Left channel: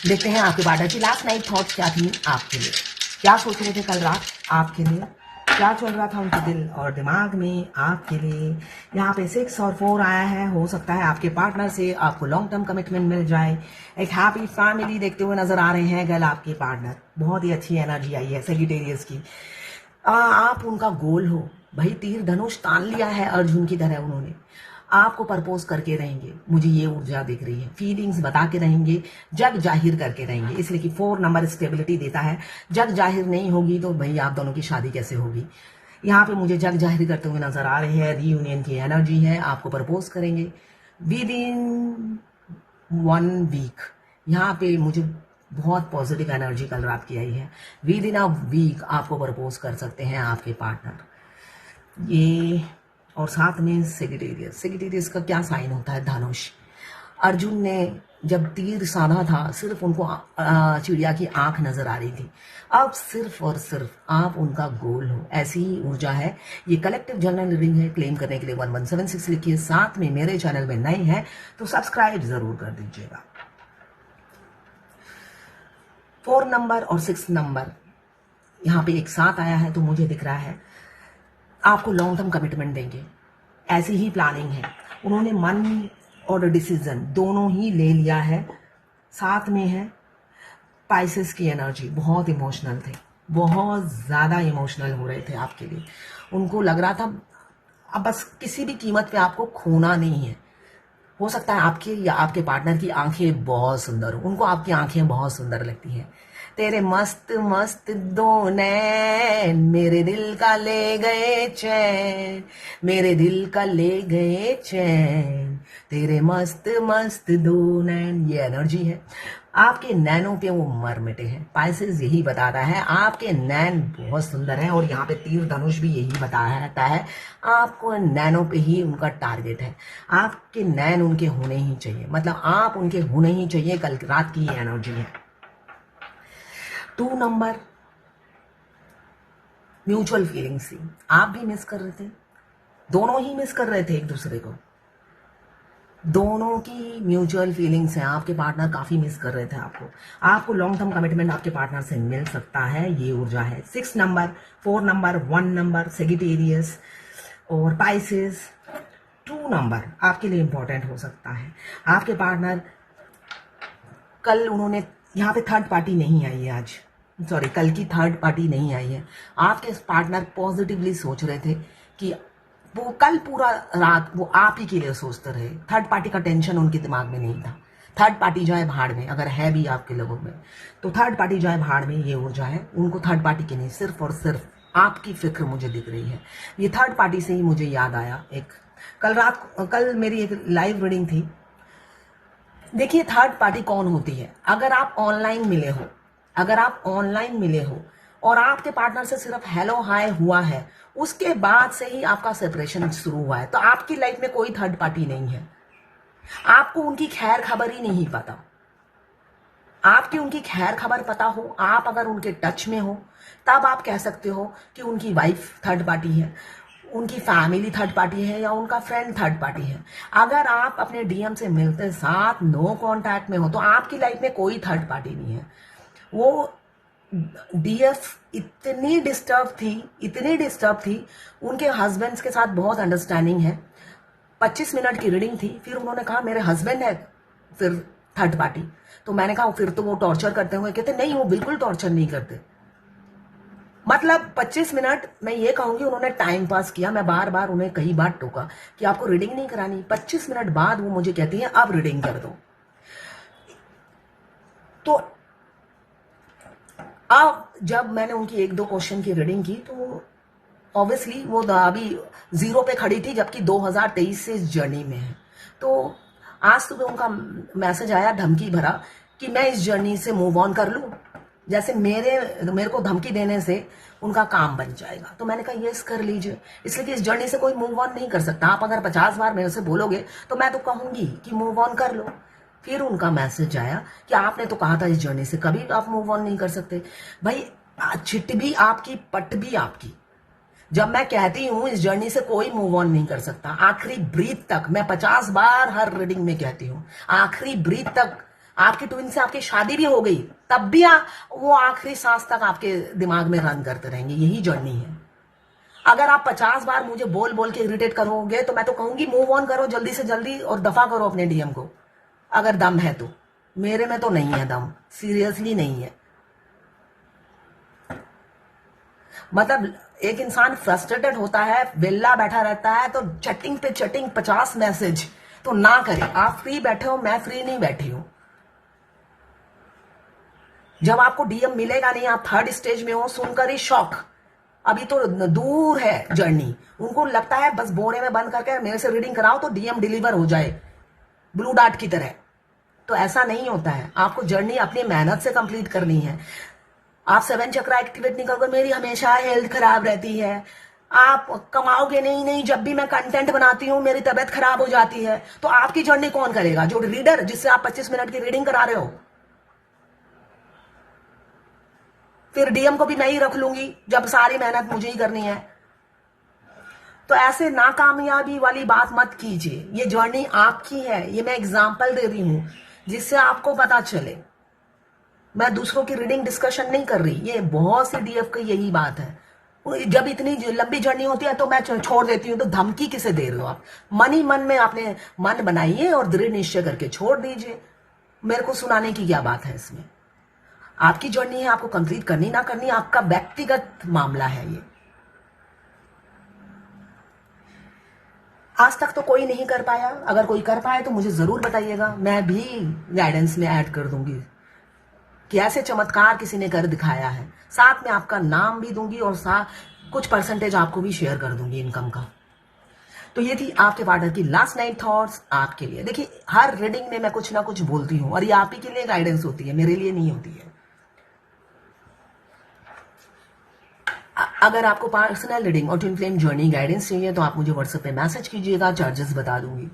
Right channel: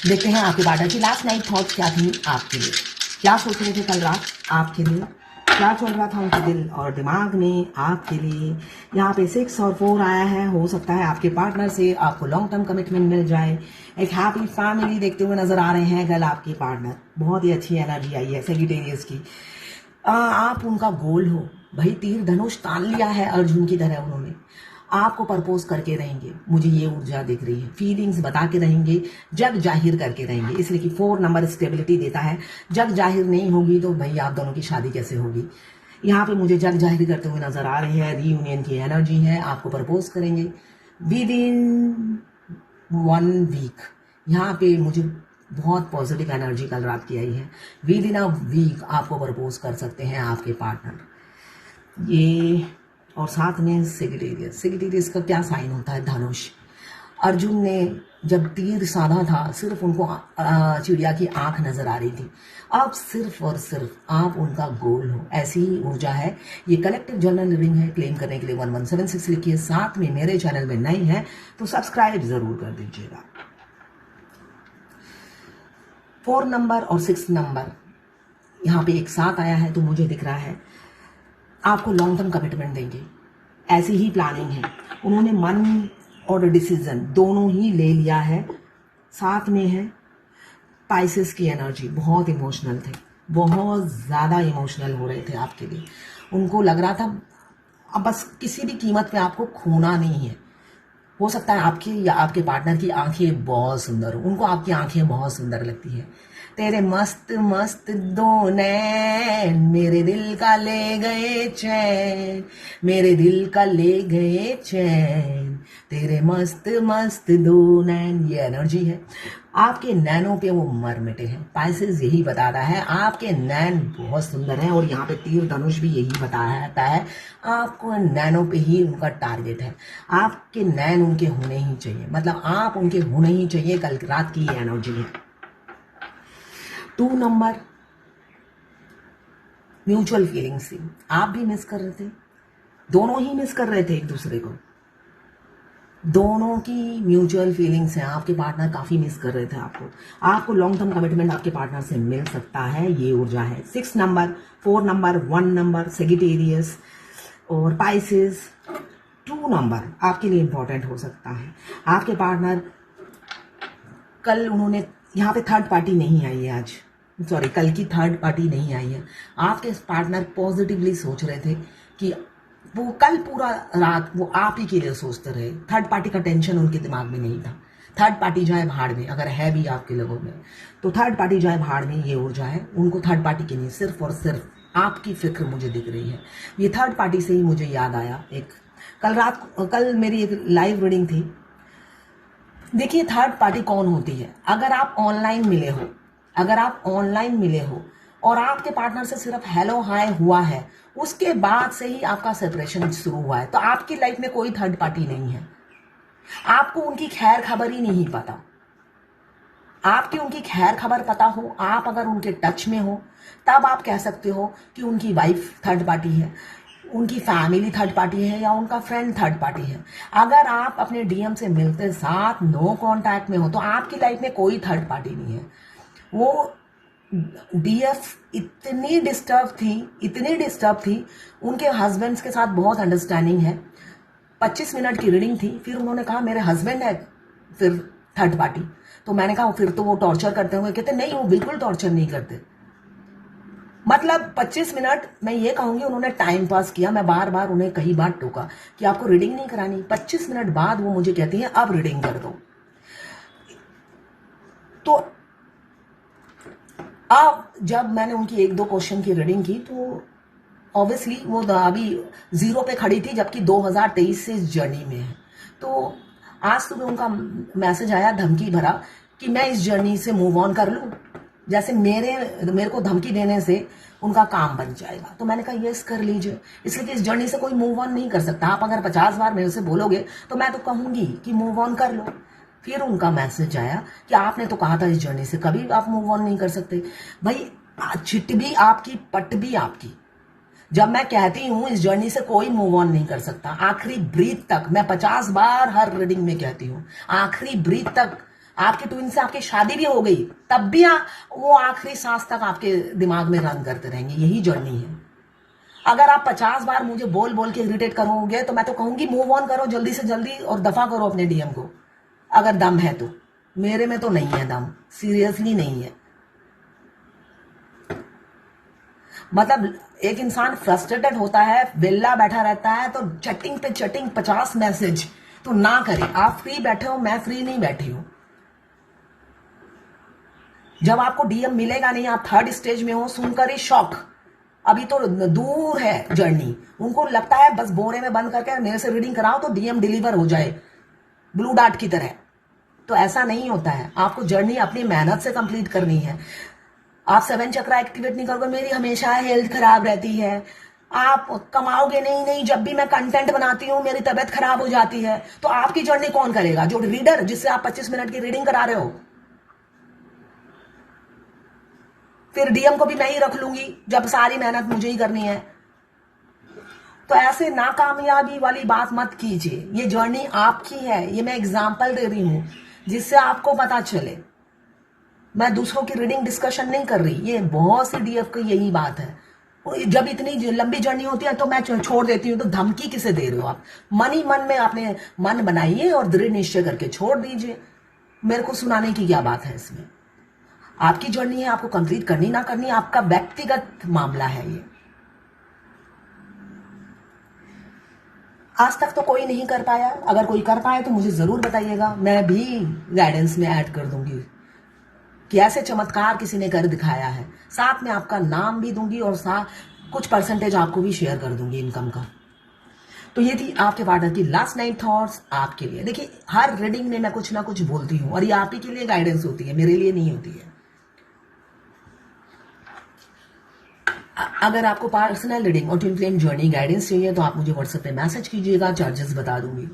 देखते हैं आपके पार्टनर की लास्ट नाइट थॉट क्या थी आपके लिए, क्या सोच रहे थे कल रात आपके लिए, क्या चल रहा था उनके दिल और दिमाग में आपके लिए। यहाँ पे 6 और 4 आया है। हो सकता है आपके पार्टनर से आपको लॉन्ग टर्म कमिटमेंट मिल जाए, एक हैप्पी फैमिली देखते हुए नजर आ रहे हैं कल आपके पार्टनर। बहुत ही अच्छी एनर्जी आई है सेजिटेरियस की। आप उनका गोल हो भाई, तीर धनुष तान लिया है अर्जुन की तरह उन्होंने। आपको प्रपोज करके रहेंगे, मुझे ये ऊर्जा दिख रही है। फीलिंग्स बता के रहेंगे, जग जाहिर करके रहेंगे, इसलिए कि 4 नंबर स्टेबिलिटी देता है। जग जाहिर नहीं होगी तो भाई आप दोनों की शादी कैसे होगी। यहाँ पे मुझे जग जाहिर करते हुए नजर आ रहे हैं। रीयूनियन की एनर्जी है, आपको प्रपोज करेंगे विद इन 1 वीक। यहाँ पे मुझे बहुत पॉजिटिव एनर्जी कल रात की आई है। विद इन अ वीक आपको प्रपोज कर सकते हैं आपके पार्टनर। ये और साथ में सेजिटेरियस। सेजिटेरियस का क्या साइन होता है? धनुष। अर्जुन ने जब तीर साधा था सिर्फ उनको चिड़िया की आंख नजर आ रही थी। अब सिर्फ और सिर्फ आप उनका गोल हो, ऐसी ही ऊर्जा है। ये कलेक्टिव जनरल रीडिंग है। क्लेम करने के लिए 1176 लिखिए। साथ में मेरे चैनल में नए हैं तो सब्सक्राइब जरूर कर दीजिएगा। 4 नंबर और 6 नंबर यहाँ पे एक साथ आया है तो मुझे दिख रहा है आपको लॉन्ग टर्म कमिटमेंट देंगे। ऐसी ही प्लानिंग है। उन्होंने मन और डिसीजन दोनों ही ले लिया है। साथ में है पाइसेस की एनर्जी। बहुत इमोशनल थे, बहुत ज़्यादा इमोशनल हो रहे थे आपके लिए। उनको लग रहा था अब बस किसी भी कीमत पे आपको खोना नहीं है। हो सकता है आपकी या आपके पार्टनर की आंखें बहुत सुंदर हो, उनको आपकी आंखें बहुत सुंदर लगती हैं। तेरे मस्त मस्त 2 नैन मेरे दिल का ले गए चैन, मेरे दिल का ले गए चैन, तेरे मस्त मस्त 2 नैन। ये एनर्जी है। आपके नैनों पे वो मर मिटे हैं। पाइसेस यही बताता है आपके नैन बहुत सुंदर हैं। और यहाँ पे तीर धनुष भी यही बताता है आपको नैनों पे ही उनका टारगेट है। आपके नैन उनके होने ही चाहिए, मतलब आप उनके होने ही चाहिए। कल रात की ये एनर्जी है। 2 नंबर म्यूचुअल फीलिंग्स थी। आप भी मिस कर रहे थे, दोनों ही मिस कर रहे थे एक दूसरे को। दोनों की म्यूचुअल फीलिंग्स हैं। आपके पार्टनर काफी मिस कर रहे थे आपको लॉन्ग टर्म कमिटमेंट आपके पार्टनर से मिल सकता है। ये ऊर्जा है। 6 नंबर, 4 नंबर, 1 नंबर, सेजिटेरियस और पाइसेस। 2 नंबर आपके लिए इंपॉर्टेंट हो सकता है। आपके पार्टनर कल उन्होंने यहाँ पे थर्ड पार्टी नहीं आई है आज, सॉरी कल की थर्ड पार्टी नहीं आई है। आपके पार्टनर पॉजिटिवली सोच रहे थे कि वो कल पूरा रात वो आप ही के लिए सोचते रहे। थर्ड पार्टी का टेंशन उनके दिमाग में नहीं था। थर्ड पार्टी जाए भाड़ में, अगर है भी आपके लोगों में तो थर्ड पार्टी जाए भाड़ में। ये ऊर्जा है। उनको थर्ड पार्टी की नहीं, सिर्फ और सिर्फ आपकी फिक्र मुझे दिख रही है। ये थर्ड पार्टी से ही मुझे याद आया एक कल मेरी एक लाइव रीडिंग थी। देखिए थर्ड पार्टी कौन होती है? अगर आप ऑनलाइन मिले हो और आपके पार्टनर से सिर्फ हेलो हाय हुआ है, उसके बाद से ही आपका सेपरेशन शुरू हुआ है, तो आपकी लाइफ में कोई थर्ड पार्टी नहीं है। आपको उनकी खैर खबर ही नहीं पता। आपकी उनकी खैर खबर पता हो, आप अगर उनके टच में हो, तब आप कह सकते हो कि उनकी वाइफ थर्ड पार्टी है, उनकी फैमिली थर्ड पार्टी है या उनका फ्रेंड थर्ड पार्टी है। अगर आप अपने डीएम से मिलते साथ नो कांटेक्ट में हो तो आपकी लाइफ में कोई थर्ड पार्टी नहीं है। वो डीएफ इतनी डिस्टर्ब थी। उनके हस्बैंड्स के साथ बहुत अंडरस्टैंडिंग है। 25 मिनट की रीडिंग थी। फिर उन्होंने कहा मेरे हस्बैंड है फिर थर्ड पार्टी। तो मैंने कहा फिर तो वो टॉर्चर करते होंगे। कहते नहीं, वो बिल्कुल टॉर्चर नहीं करते। मतलब 25 मिनट मैं ये कहूंगी उन्होंने टाइम पास किया। मैं बार बार उन्हें कई बार टोका कि आपको रीडिंग नहीं करानी। 25 मिनट बाद वो मुझे कहती हैं अब रीडिंग कर दो। तो अब जब मैंने उनकी 1-2 क्वेश्चन की रीडिंग की तो ऑब्वियसली वो अभी 0 पे खड़ी थी, जबकि 2023 से इस जर्नी में है। तो आज सुबह उनका मैसेज आया धमकी भरा कि मैं इस जर्नी से मूव ऑन कर लूं, जैसे मेरे को धमकी देने से उनका काम बन जाएगा। तो मैंने कहा यस कर लीजिए, इसलिए कि इस जर्नी से कोई मूव ऑन नहीं कर सकता। आप अगर 50 बार मेरे से बोलोगे तो मैं तो कहूंगी कि मूव ऑन कर लो। फिर उनका मैसेज आया कि आपने तो कहा था इस जर्नी से कभी आप मूव ऑन नहीं कर सकते। भाई चिट भी आपकी, पट भी आपकी। जब मैं कहती हूं इस जर्नी से कोई मूव ऑन नहीं कर सकता, आखिरी ब्रीथ तक, मैं 50 बार हर रीडिंग में कहती हूं, आखिरी ब्रीथ तक आपकी ट्विन से आपकी शादी भी हो गई, तब भी वो आखिरी सांस तक आपके दिमाग में रन करते रहेंगे। यही जर्नी है। अगर आप 50 बार मुझे बोल बोल के इरिटेट करोगे तो मैं तो कहूंगी मूव ऑन करो जल्दी से जल्दी और दफा करो अपने डीएम को, अगर दम है तो। मेरे में तो नहीं है दम, सीरियसली नहीं है। मतलब एक इंसान फ्रस्ट्रेटेड होता है, बेल्ला बैठा रहता है, तो चैटिंग पे चैटिंग 50 मैसेज तो ना करें। आप फ्री बैठे हो, मैं फ्री नहीं बैठी हूं। जब आपको डीएम मिलेगा नहीं, आप थर्ड स्टेज में हो, सुनकर ही शॉक। अभी तो दूर है जर्नी। उनको लगता है बस बोरे में बंद करके मेरे से रीडिंग कराओ तो डीएम डिलीवर हो जाए ब्लू डार्ट की तरह। तो ऐसा नहीं होता है। आपको जर्नी अपनी मेहनत से कंप्लीट करनी है। आप 7 चक्रा एक्टिवेट नहीं करोगे, मेरी हमेशा हेल्थ खराब रहती है, आप कमाओगे नहीं, जब भी मैं कंटेंट बनाती हूं मेरी तबीयत खराब हो जाती है, तो आपकी जर्नी कौन करेगा? जो रीडर जिससे आप 25 मिनट की रीडिंग करा रहे हो। फिर डीएम को भी नहीं रख लूंगी जब सारी मेहनत मुझे ही करनी है। तो ऐसे नाकामयाबी वाली बात मत कीजिए। ये जर्नी आपकी है, ये मैं एग्जाम्पल दे रही हूं जिससे आपको पता चले। मैं दूसरों की रीडिंग डिस्कशन नहीं कर रही। ये बहुत सी डीएफ की यही बात है। जब इतनी लंबी जर्नी होती है तो मैं छोड़ देती हूँ, तो धमकी किसे दे रहे हो आप? मन ही मन में आपने मन बनाइए और दृढ़ निश्चय करके छोड़ दीजिए। मेरे को सुनाने की क्या बात है इसमें? आपकी जर्नी है, आपको कंप्लीट करनी ना करनी आपका व्यक्तिगत मामला है। ये आज तक तो कोई नहीं कर पाया। अगर कोई कर पाए तो मुझे जरूर बताइएगा, मैं भी गाइडेंस में ऐड कर दूंगी कि ऐसे चमत्कार किसी ने कर दिखाया है। साथ में आपका नाम भी दूंगी और कुछ परसेंटेज आपको भी शेयर कर दूंगी इनकम का। तो ये थी आपके पार्टनर की लास्ट नाइट थॉट्स आपके लिए। देखिए, हर रीडिंग में मैं कुछ ना कुछ बोलती हूँ और ये आप ही के लिए गाइडेंस होती है, मेरे लिए नहीं होती है। अगर आपको पर्सनल रीडिंग और ट्विन फ्लेम जर्नी गाइडेंस चाहिए तो आप मुझे व्हाट्सएप पे मैसेज कीजिएगा, चार्जेस बता दूंगी।